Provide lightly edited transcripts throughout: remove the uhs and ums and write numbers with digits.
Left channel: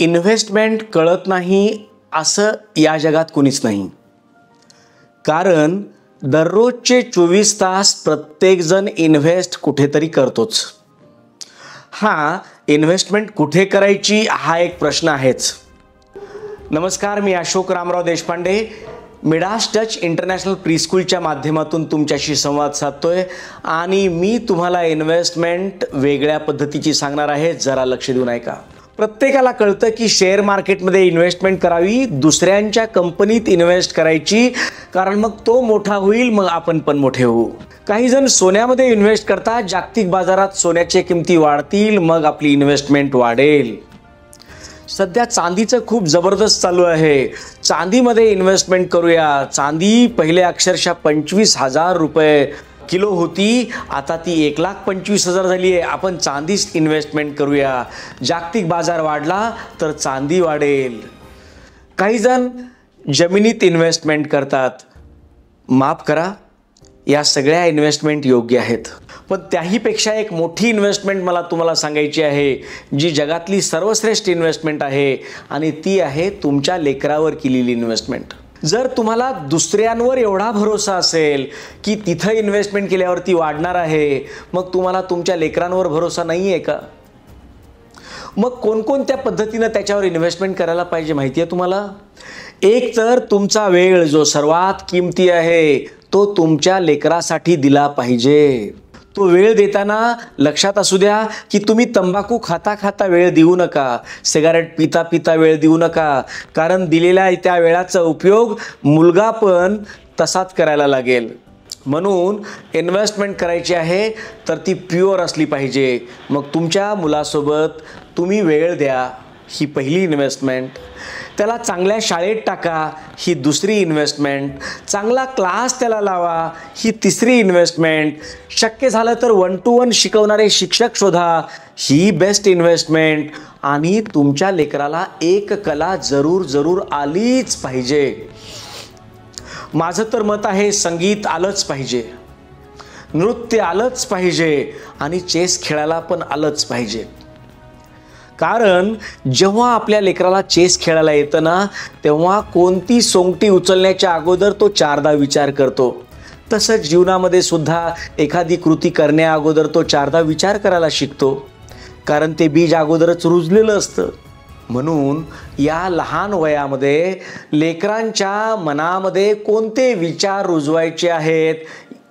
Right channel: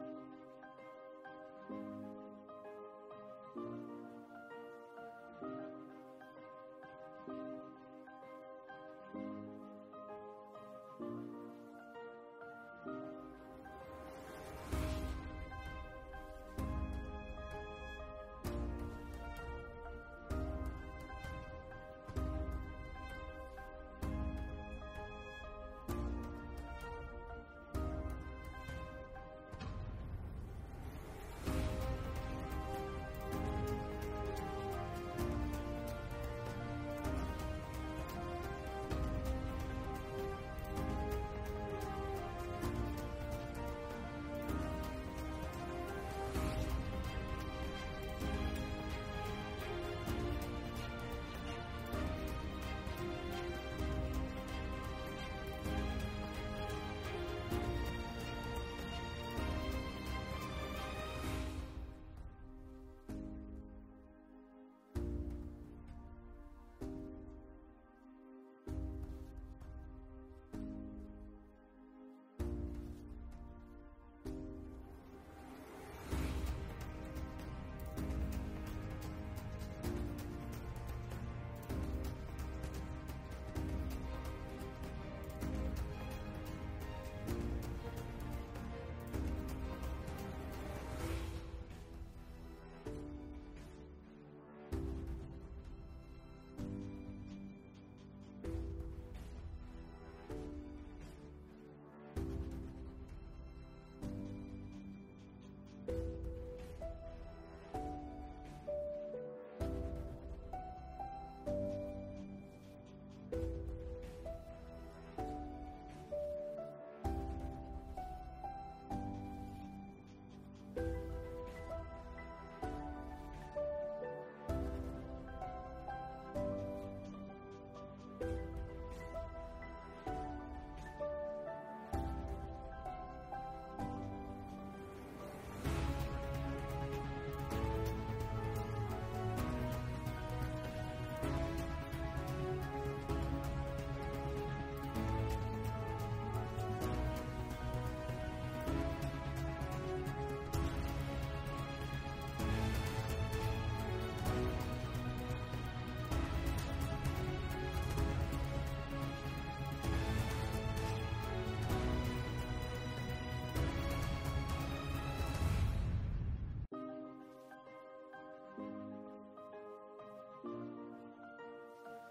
Investment कळत नाही असं या जगात कुणीच नाही. कारण दररोजचे 24 तास प्रत्येकजण इन्व्हेस्ट कुठेतरी करतोच. इन्व्हेस्टमेंट कुठे करायची हा एक प्रश्न आहेच. नमस्कार, मी Ashok Ramrao Deshpande Midas touch international प्रीस्कूलच्या माध्यमातून तुमच्याशी संवाद साधतोय आणि मी तुम्हाला इन्व्हेस्टमेंट वेगळ्या पद्धतीची सांगणार आहे. जरा लक्ष देऊन ऐका. प्रत्येकाला कळतं की शेअर मार्केटमध्ये इन्व्हेस्टमेंट करावी, दुसऱ्यांच्या कंपनीत इन्व्हेस्ट करायची, कारण मग तो मोठा होईल, मग आपण पण मोठे होऊ. काही जण सोन्यामध्ये इन्व्हेस्ट करतात. जागतिक बाजारात सोन्याच्या किमती वाढतील, मग आपली इन्व्हेस्टमेंट वाढेल. सध्या चांदीचं खूप जबरदस्त चालू आहे. चांदीमध्ये इन्व्हेस्टमेंट करूया. चांदी पहिले अक्षरशः 25,000 रुपये किलो होती, आता ती 1,25,000 झाली आहे. आपण चांदीच इन्व्हेस्टमेंट करूया. जागतिक बाजार वाढला तर चांदी वाढेल. काही जण जमिनीत इन्व्हेस्टमेंट करतात. माफ करा, या सगळ्या इन्व्हेस्टमेंट योग्य आहेत, पण त्याहीपेक्षा एक मोठी इन्व्हेस्टमेंट मला तुम्हाला सांगायची आहे, जी जगातली सर्वश्रेष्ठ इन्व्हेस्टमेंट आहे, आणि ती आहे तुमच्या लेकरावर केलेली इन्व्हेस्टमेंट. जर तुम्हाला दुसऱ्यांवर एवढा भरोसा असेल की तिथं इन्व्हेस्टमेंट केल्यावरती वाढणार आहे, मग तुम्हाला तुमच्या लेकरांवर भरोसा नाही आहे का? मग कोणकोणत्या पद्धतीनं त्याच्यावर इन्व्हेस्टमेंट करायला पाहिजे माहिती आहे तुम्हाला? एक तर तुमचा वेळ जो सर्वात किमती आहे तो तुमच्या लेकरासाठी दिला पाहिजे. तो वेळ देताना लक्षात असू द्या की तुम्ही तंबाखू खाता खाता वेळ देऊ नका, सिगारेट पिता पिता वेळ देऊ नका, कारण दिलेल्या त्या वेळाचा उपयोग मुलगा पण तसाच करायला लागेल. म्हणून इन्व्हेस्टमेंट करायची आहे तर ती प्युअर असली पाहिजे. मग तुमच्या मुलासोबत तुम्ही वेळ द्या, ही पहिली इन्व्हेस्टमेंट. त्याला चांगल्या शाळेत टाका, ही दुसरी इन्व्हेस्टमेंट. चांगला क्लास त्याला लावा, ही तिसरी इन्व्हेस्टमेंट. शक्य झालं तर 1 to 1 शिकवणारे शिक्षक शोधा, ही बेस्ट इन्व्हेस्टमेंट. आणि तुमच्या लेकराला एक कला जरूर आलीच पाहिजे. माझं तर मत आहे, संगीत आलंच पाहिजे, नृत्य आलंच पाहिजे, आणि चेस खेळायला पण आलंच पाहिजे. कारण जेव्हा आपल्या लेकराला चेस खेळायला येतं ना, तेव्हा कोणती सोंगटी उचलण्याच्या अगोदर तो 4दा विचार करतो. तसंच जीवनामध्ये सुद्धा एखादी कृती करण्या अगोदर तो 4दा विचार करायला शिकतो, कारण ते बीज अगोदरच रुजलेलं असतं. म्हणून या लहान वयामध्ये लेकरांच्या मनामध्ये कोणते विचार रुजवायचे आहेत,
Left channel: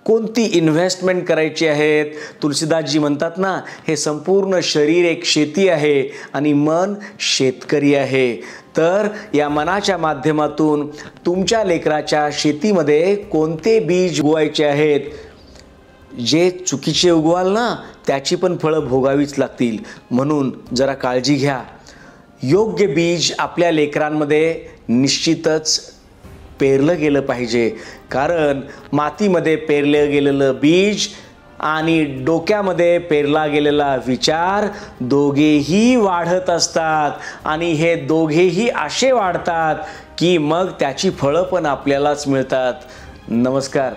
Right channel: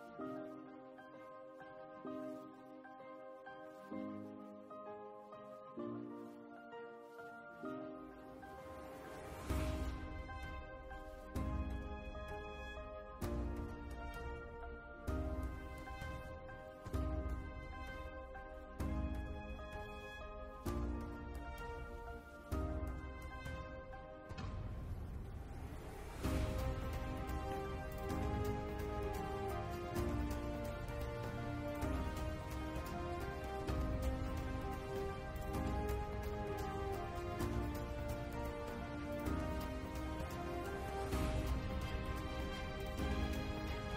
कोणती इन्व्हेस्टमेंट करायची आहेत. तुलसीदासजी म्हणतात ना, हे संपूर्ण शरीर एक शेती आहे आणि मन शेतकरी आहे. तर या मनाच्या माध्यमातून तुमच्या लेकराच्या शेतीमध्ये कोणते बीज उगवायचे आहेत, जे चुकीचे उगवाल ना त्याची पण फळं भोगावीच लागतील. म्हणून जरा काळजी घ्या. योग्य बीज आपल्या लेकरांमध्ये निश्चितच पेरलं गेलं पाहिजे, कारण मातीमध्ये पेरलं गेलेलं बीज आणि डोक्यामध्ये पेरला गेलेला विचार दोघेही वाढत असतात, आणि हे दोघेही असे वाढतात की मग त्याची फळं पण आपल्यालाच मिळतात. नमस्कार.